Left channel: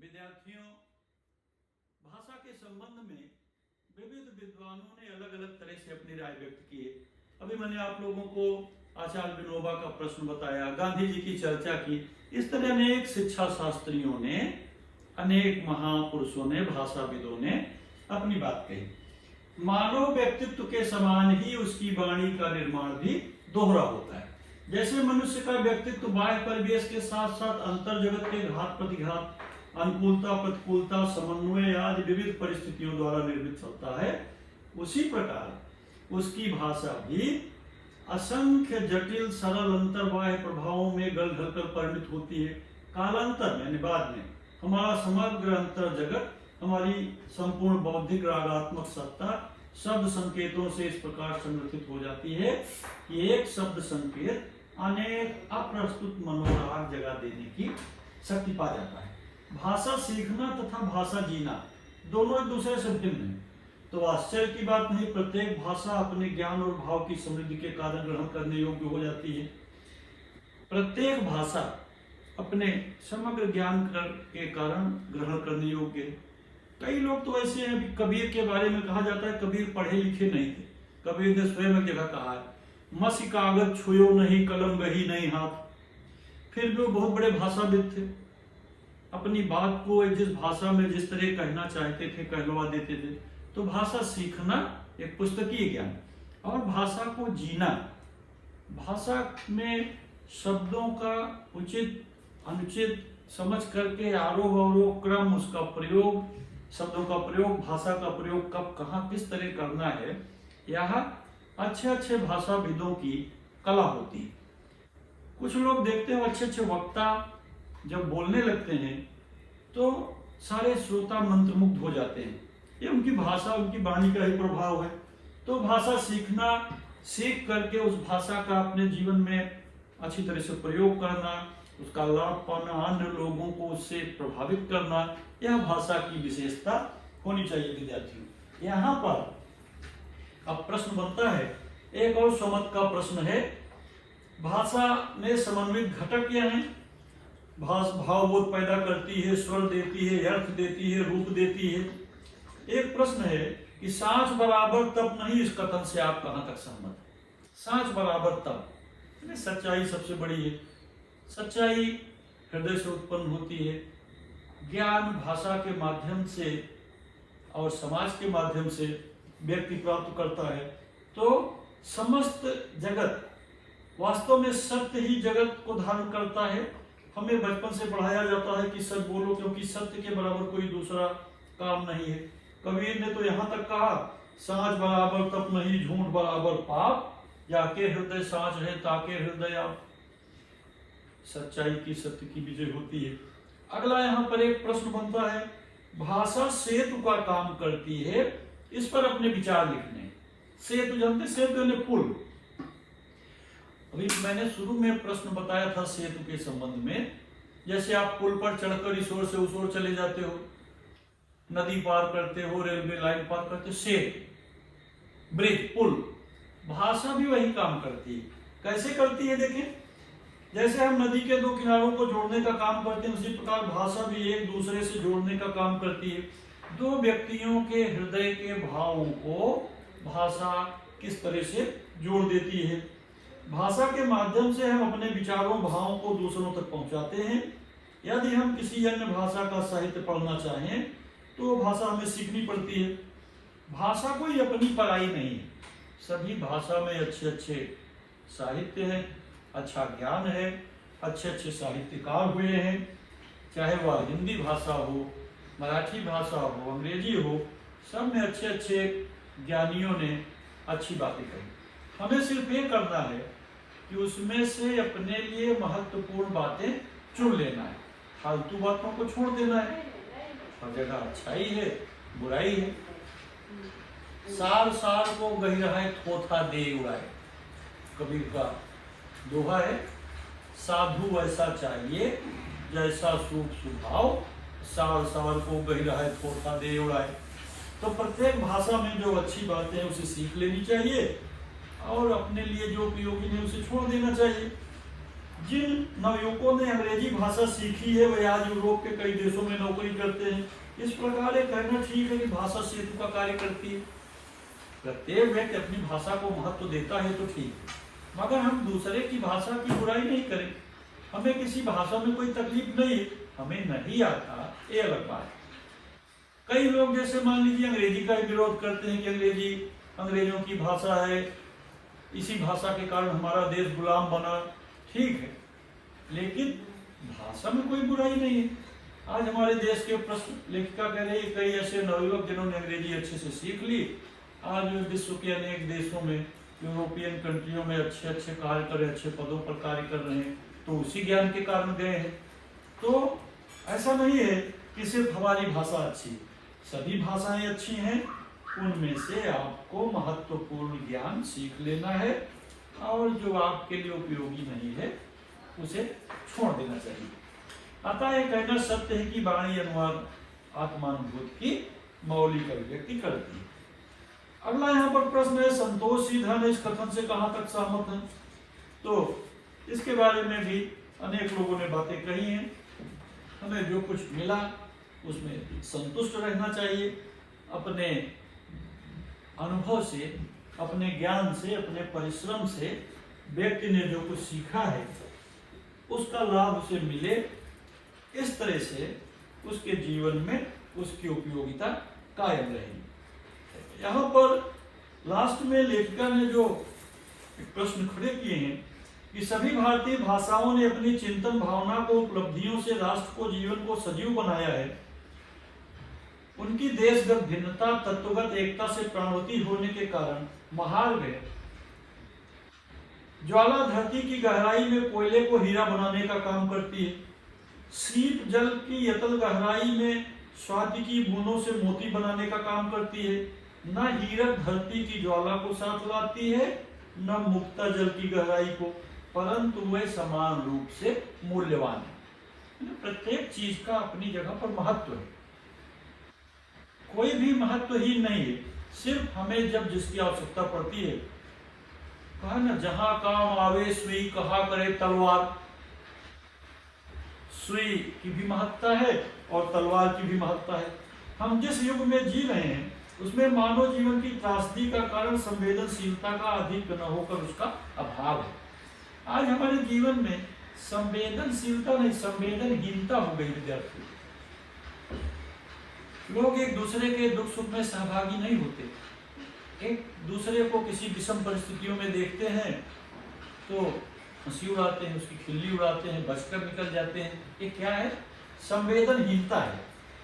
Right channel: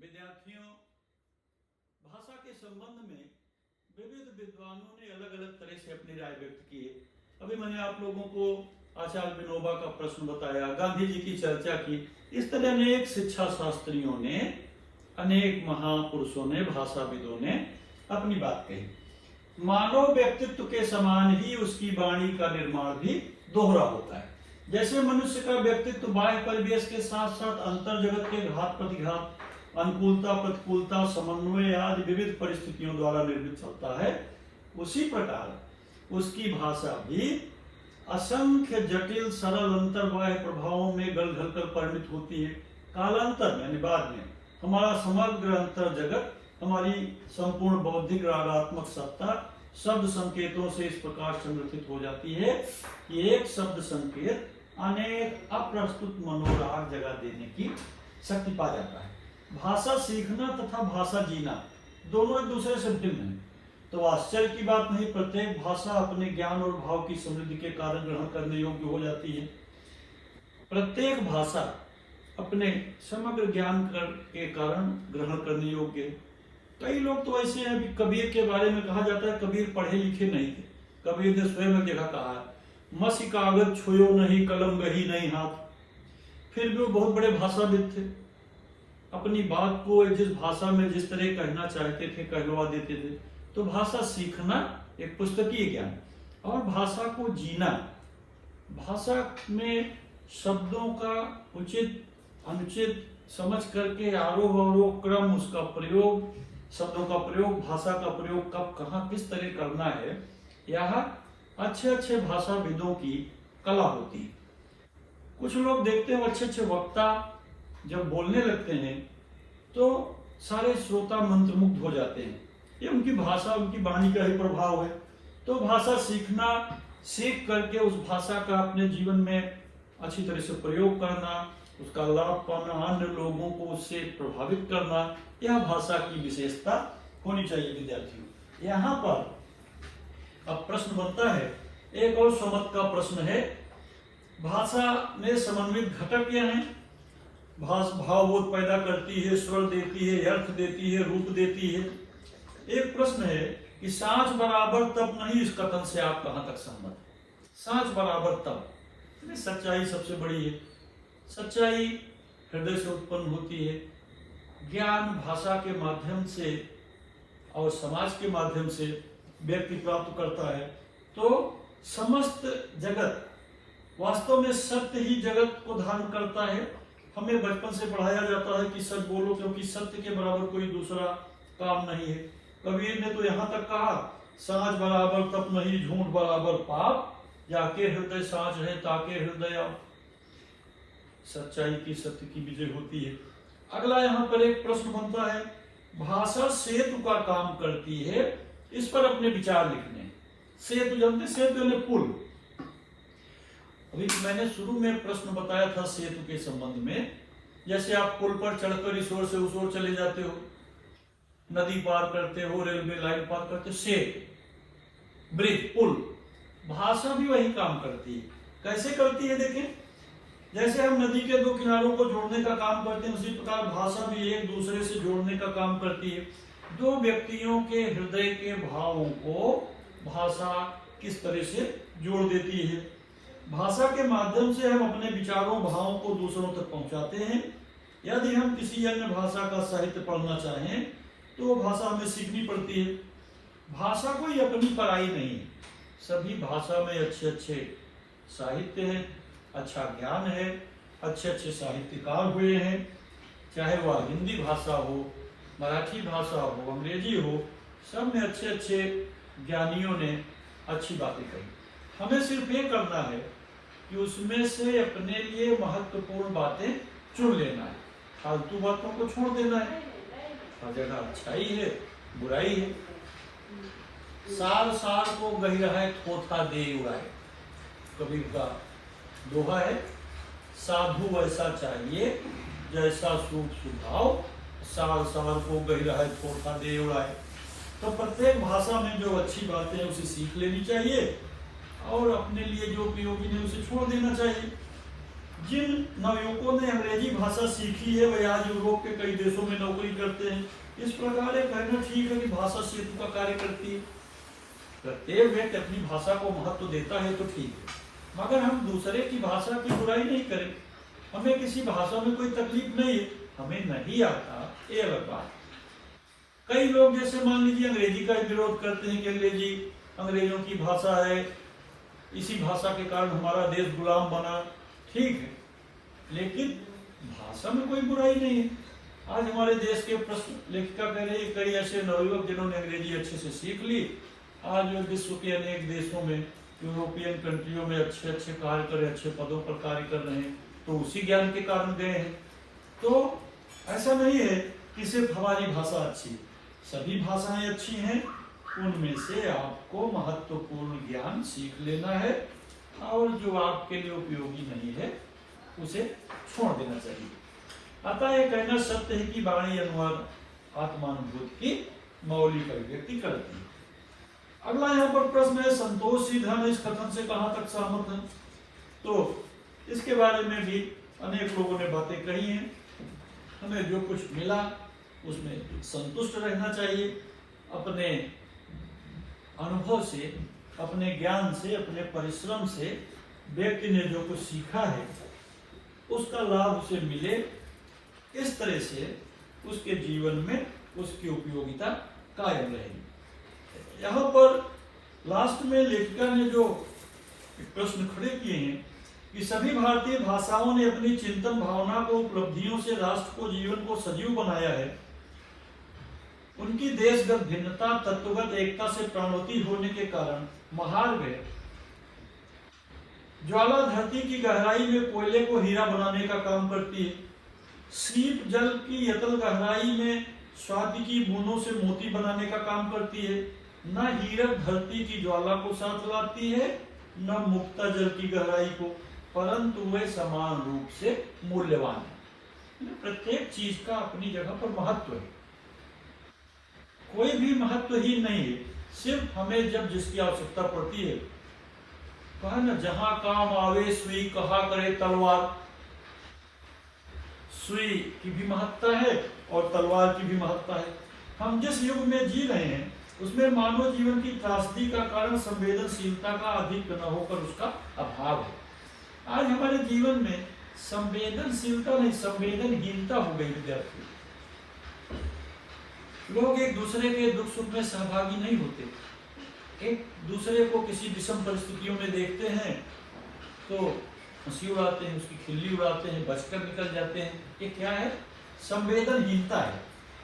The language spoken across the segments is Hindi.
विद्यार्थियों, भाषा के संबंध में विविध विद्वानों ने अलग अलग तरह से अपनी राय व्यक्त की है। अभी मैंने आप लोगों को आचार्य विनोबा का प्रश्न बताया, गांधी जी की चर्चा की। इस तरह अनेक शिक्षा शास्त्रियों ने, अनेक महापुरुषों ने, भाषाविदों ने अपनी बात कही। मानव व्यक्तित्व के समान ही उसकी वाणी का निर्माण भी दोहरा होता है। जैसे मनुष्य का व्यक्तित्व बाह्य परिवेश के साथ साथ अंतर जगत के घात प्रतिघात, अनुकूलता प्रतिकूलता, समन्वय आदि विविध परिस्थितियों द्वारा निर्मित होता है, उसी प्रकार उसकी भाषा भी असंख्य जटिल सरल अंतर्बाह्य प्रभावों में गल घल कर परिणित होती है। कालांतर में, बाद में हमारा समग्र अंतर जगत, हमारी संपूर्ण बौद्धिक रागात्मक सत्ता शब्द संकेतों से इस प्रकार संगठित हो जाती है कि एक शब्द संकेत अनेक अप्रस्तुत मनोराग जगह देने की शक्ति पा जाता है। भाषा सीखना तथा भाषा जीना दोनों एक दूसरे से भिन्न है। तो आश्चर्य की बात नहीं, प्रत्येक भाषा अपने ज्ञान और भाव की समृद्धि के कारण ग्रहण करने योग्य हो जाती है। प्रत्येक भाषा अपने समग्र ज्ञान के कारण ग्रहण करने योग्य है। कई लोग तो ऐसे हैं, कबीर के बारे में कहा जाता है कबीर पढ़े लिखे नहीं थे। कबीर ने स्वयं एक जगह कहा है, मसी कागज छुयो नहीं, कलम गही नहीं हाथ। फिर भी वो बहुत बड़े भाषाविद थे, अपनी बात को जिस भाषा में जिस तरह कहना चाहते थे कहलवा देते थे। तो भाषा सीखना एक पुस्तकीय ज्ञान, और भाषा को जीना, भाषा में शब्दों का उचित अनुचित समझ करके आरोह अवरोह क्रम, उसका प्रयोग, शब्दों का प्रयोग, भाषा का प्रयोग कब कहाँ किस तरह करना है, यह अच्छे अच्छे भाषाविदों की कला होती है। कुछ लोग देखते हैं अच्छे अच्छे वक्ता जब बोलने लगते हैं तो सारे श्रोता मंत्रमुग्ध हो जाते हैं। ये उनकी भाषा, उनकी वाणी का ही प्रभाव है। तो भाषा सीखना, सीख करके उस भाषा का अपने जीवन में अच्छी तरह से प्रयोग करना, उसका लाभ पाना, अन्य लोगों को उससे प्रभावित करना, यह भाषा की विशेषता होनी चाहिए विद्यार्थियों। यहाँ पर अब प्रश्न बनता है, एक और समझ का प्रश्न है, भाषा में समन्वित घटक क्या है? भावबोध पैदा करती है, स्वर देती है, अर्थ देती है, रूप देती है। एक प्रश्न है कि सांच बराबर तब नहीं, इस कथन से आप कहां तक सहमत? सांच बराबर तब, सच्चाई सबसे बड़ी है। सच्चाई हृदय से उत्पन्न होती है। ज्ञान भाषा के माध्यम से और समाज के माध्यम से व्यक्ति प्राप्त करता है। तो समस्त जगत, वास्तव में सत्य ही जगत को धारण करता है। हमें बचपन से पढ़ाया जाता है कि सच बोलो, क्योंकि सत्य के बराबर कोई दूसरा काम नहीं है। कबीर ने तो यहाँ तक कहा, सांच बराबर तप नहीं, झूठ बराबर पाप, जाके हृदय सांच है ताके हृदय आप। सच्चाई की, सत्य की विजय होती है। अगला यहाँ पर एक प्रश्न बनता है, भाषा सेतु का काम करती है, इस पर अपने विचार लिखने। सेतु जानते, सेतु ने पुल। अभी मैंने शुरू में प्रश्न बताया था सेतु के संबंध में। जैसे आप पुल पर चढ़कर इस ओर से उस ओर चले जाते हो, नदी पार करते हो, रेलवे लाइन पार करते हो, सेतु, ब्रिज, पुल। भाषा भी वही काम करती है। कैसे करती है देखें, जैसे हम नदी के दो किनारों को जोड़ने का काम करते हैं, उसी प्रकार भाषा भी एक दूसरे से जोड़ने का काम करती है। दो व्यक्तियों के हृदय के भावों को भाषा किस तरह से जोड़ देती है। भाषा के माध्यम से हम अपने विचारों, भावों को दूसरों तक पहुंचाते हैं। यदि हम किसी अन्य भाषा का साहित्य पढ़ना चाहें तो भाषा हमें सीखनी पड़ती है। भाषा कोई अपनी पराई नहीं है। सभी भाषा में अच्छे अच्छे साहित्य हैं, अच्छा ज्ञान है, अच्छे अच्छे साहित्यकार हुए हैं। चाहे वह हिंदी भाषा हो, मराठी भाषा हो, अंग्रेजी हो, सब में अच्छे अच्छे ज्ञानियों ने अच्छी बातें कही। हमें सिर्फ ये करना है कि उसमें से अपने लिए महत्वपूर्ण बातें चुन लेना है, फालतू बातों को छोड़ देना है। हर जगह अच्छाई है, बुराई है। सार सार को गहिरा है, थोथा दे उड़ाए, कबीर का दोहा है। साधु ऐसा चाहिए जैसा सूख सुभाव, सार सार को गहिरा है, थोथा दे उड़ाए। तो प्रत्येक भाषा में जो अच्छी बातें हैं उसे सीख लेनी चाहिए, और अपने लिए जो उपयोगी नहीं उसे छोड़ देना चाहिए। जिन नवयुवकों ने अंग्रेजी भाषा सीखी है वे आज यूरोप के कई देशों में नौकरी करते हैं। इस प्रकार ये कहना ठीक है कि भाषा सेतु का कार्य करती है। प्रत्येक व्यक्ति अपनी भाषा को महत्व देता है तो ठीक है, मगर हम दूसरे की भाषा की बुराई नहीं करें। हमें किसी भाषा में कोई तकलीफ नहीं, हमें नहीं आता ये अलग बात। कई लोग जैसे मान लीजिए अंग्रेजी का विरोध करते हैं कि अंग्रेजी अंग्रेजों की भाषा है, इसी भाषा के कारण हमारा देश गुलाम बना। ठीक है, लेकिन भाषा में कोई बुराई नहीं है। आज हमारे देश के प्रश्न लेखिका कह रही है कई ऐसे नवयुवक जिन्होंने अंग्रेजी अच्छे से सीख ली, आज विश्व के अनेक देशों में, यूरोपियन कंट्रियों में अच्छे अच्छे कार्य कर रहे, अच्छे पदों पर कार्य कर रहे हैं, तो उसी ज्ञान के कारण गए हैं। तो ऐसा नहीं है कि सिर्फ हमारी भाषा अच्छी, सभी भाषाएं अच्छी हैं, उनमें से आपको महत्वपूर्ण ज्ञान सीख लेना है और जो आपके लिए उपयोगी नहीं है उसे छोड़ देना चाहिए। अतः यह कहना सत्य है कि वाणी अनुवाद आत्मानुभूति की मौलिक अभिव्यक्ति करती है। अगला यहाँ पर प्रश्न है, संतोष सीधन इस कथन से कहां तक सहमत है? तो इसके बारे में भी अनेक लोगों ने बातें कही हैं। हमें जो कुछ मिला उसमें संतुष्ट रहना चाहिए। अपने अनुभव से, अपने ज्ञान से, अपने परिश्रम से व्यक्ति ने जो कुछ सीखा है उसका लाभ उसे मिले, इस तरह से उसके जीवन में उसकी उपयोगिता कायम रहेगी। यहाँ पर लास्ट में लेखिका ने जो प्रश्न खड़े किए हैं कि सभी भारतीय भाषाओं ने अपनी चिंतन भावना को, उपलब्धियों से राष्ट्र को, जीवन को सजीव बनाया है। उनकी देशगत भिन्नता, तत्वगत एकता से प्राणवती होने के कारण महार्घ है। ज्वाला धरती की गहराई में कोयले को हीरा बनाने का काम करती है। सीप जल की यतल गहराई में स्वाति की बूंदों से मोती बनाने का काम करती है। न हीरक धरती की ज्वाला को साथ लाती है, न मुक्ता जल की गहराई को, परंतु वे समान रूप से मूल्यवान है। प्रत्येक चीज का अपनी जगह पर महत्व है, कोई भी महत्वहीन नहीं है। सिर्फ हमें जब जिसकी आवश्यकता पड़ती है, कहा ना, जहां काम आवे सुई कहा करे तलवार। सुई की भी महत्ता है और तलवार की भी महत्ता है। हम जिस युग में जी रहे हैं उसमें मानव जीवन की त्रासदी का कारण संवेदनशीलता का अधिक न होकर उसका अभाव है। आज हमारे जीवन में संवेदनशीलता नहीं, संवेदनहीनता हो गई विद्यार्थी। लोग एक दूसरे के दुख सुख में सहभागी नहीं होते, एक दूसरे को किसी विषम परिस्थितियों में देखते हैं तो हंसी उड़ाते हैं, उसकी खिल्ली उड़ाते हैं, बचकर निकल जाते हैं। ये क्या है? संवेदनहीनता है।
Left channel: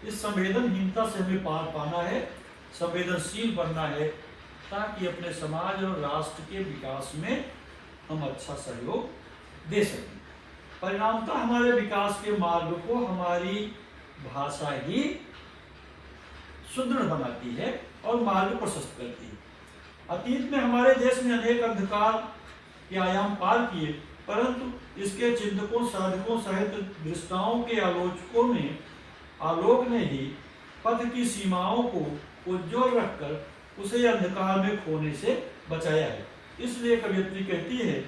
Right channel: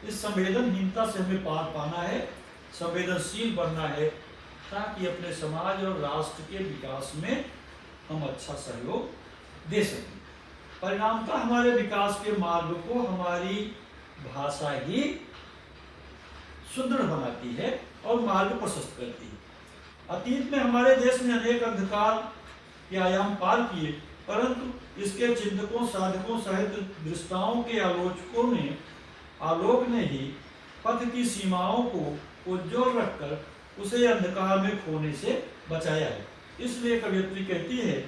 इस संवेदनहीनता से हमें पार पाना है, संवेदनशील बनना है, ताकि अपने समाज और राष्ट्र के विकास में हम अच्छा सहयोग दे सकें। परिणामतः हमारे विकास के मार्ग को हमारी भाषा ही सुदृढ़ बनाती है और मार्ग प्रशस्त करती है। अतीत में हमारे देश में अनेक अंधकार के आयाम पार किए, परंतु इसके चिंतकों, साधकों सहित दृष्टाओं के आलोक ने ही पथ की सीमाओं को उज्ज्वल रखकर उसे अंधकार में खोने से बचाया है। इसलिए कवियत्री कहती है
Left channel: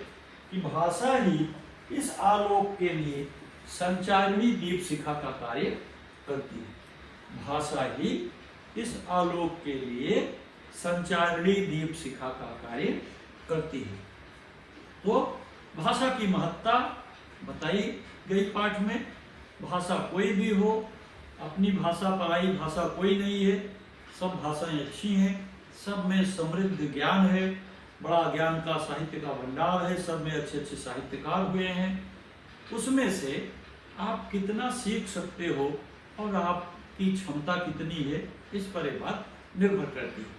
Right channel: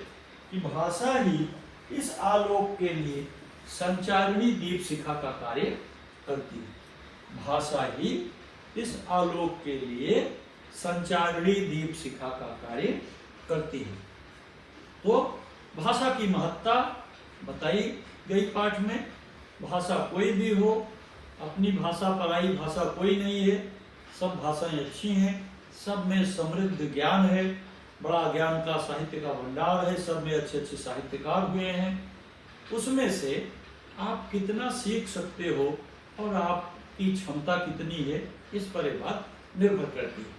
कि भाषा ही इस आलोक के लिए संचारिणी दीप शिखा का कार्य करती है। भाषा ही इस आलोक के लिए संचारिणी दीप शिखा का कार्य करती है। तो भाषा की महत्ता बताई गई पाठ में। भाषा कोई भी हो, अपनी भाषा पराई भाषा कोई नहीं है, सब भाषाएं अच्छी हैं, सब में समृद्ध ज्ञान है, बड़ा ज्ञान का साहित्य का भंडार है, सब में अच्छे अच्छे साहित्यकार हुए हैं। उसमें से आप कितना सीख सकते हो और आपकी क्षमता कितनी है, इस पर एक बात निर्भर करती है।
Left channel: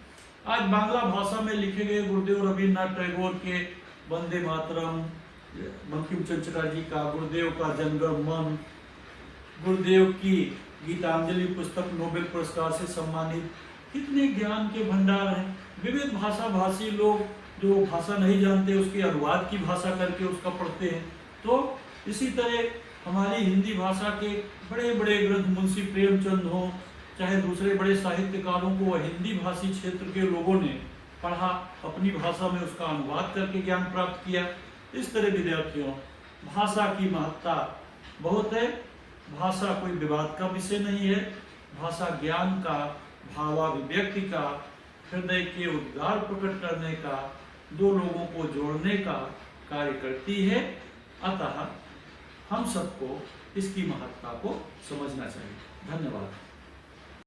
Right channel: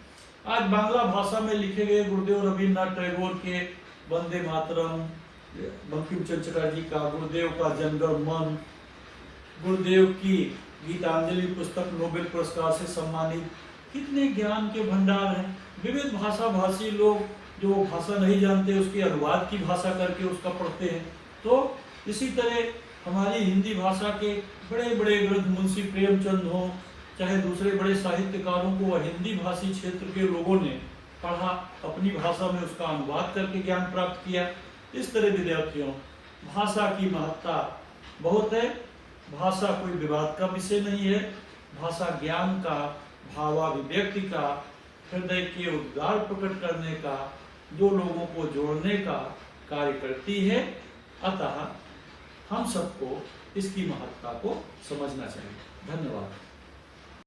आज बांग्ला भाषा में लिखे गए गुरुदेव रविन्द्रनाथ टैगोर के वंदे मातरम, बंकिम चंद्र जी का गुरुदेव का जनगण मन, गुरुदेव की गीतांजलि पुस्तक नोबेल पुरस्कार से सम्मानित, कितने ज्ञान के भंडार हैं। विविध भाषा भाषी लोग जो भाषा नहीं जानते उसके अनुवाद की भाषा करके उसका पढ़ते हैं। तो इसी तरह हमारी हिंदी भाषा के बड़े बड़े ग्रंथ, मुंशी प्रेमचंद हो, चाहे दूसरे बड़े साहित्यकारों को हिंदी भाषी क्षेत्र के लोगों ने पढ़ा, अपनी भाषा में उसका अनुवाद करके ज्ञान प्राप्त किया। इस तरह विद्यार्थियों, भाषा की महत्ता बहुत है। भाषा कोई विवाद का विषय नहीं है। भाषा ज्ञान का, भावाभिव्यक्ति का, हृदय के उद्गार प्रकट करने का, दो लोगों को जोड़ने का कार्य करती है। अतः हम सबको इसकी महत्ता को समझना चाहिए। धन्यवाद।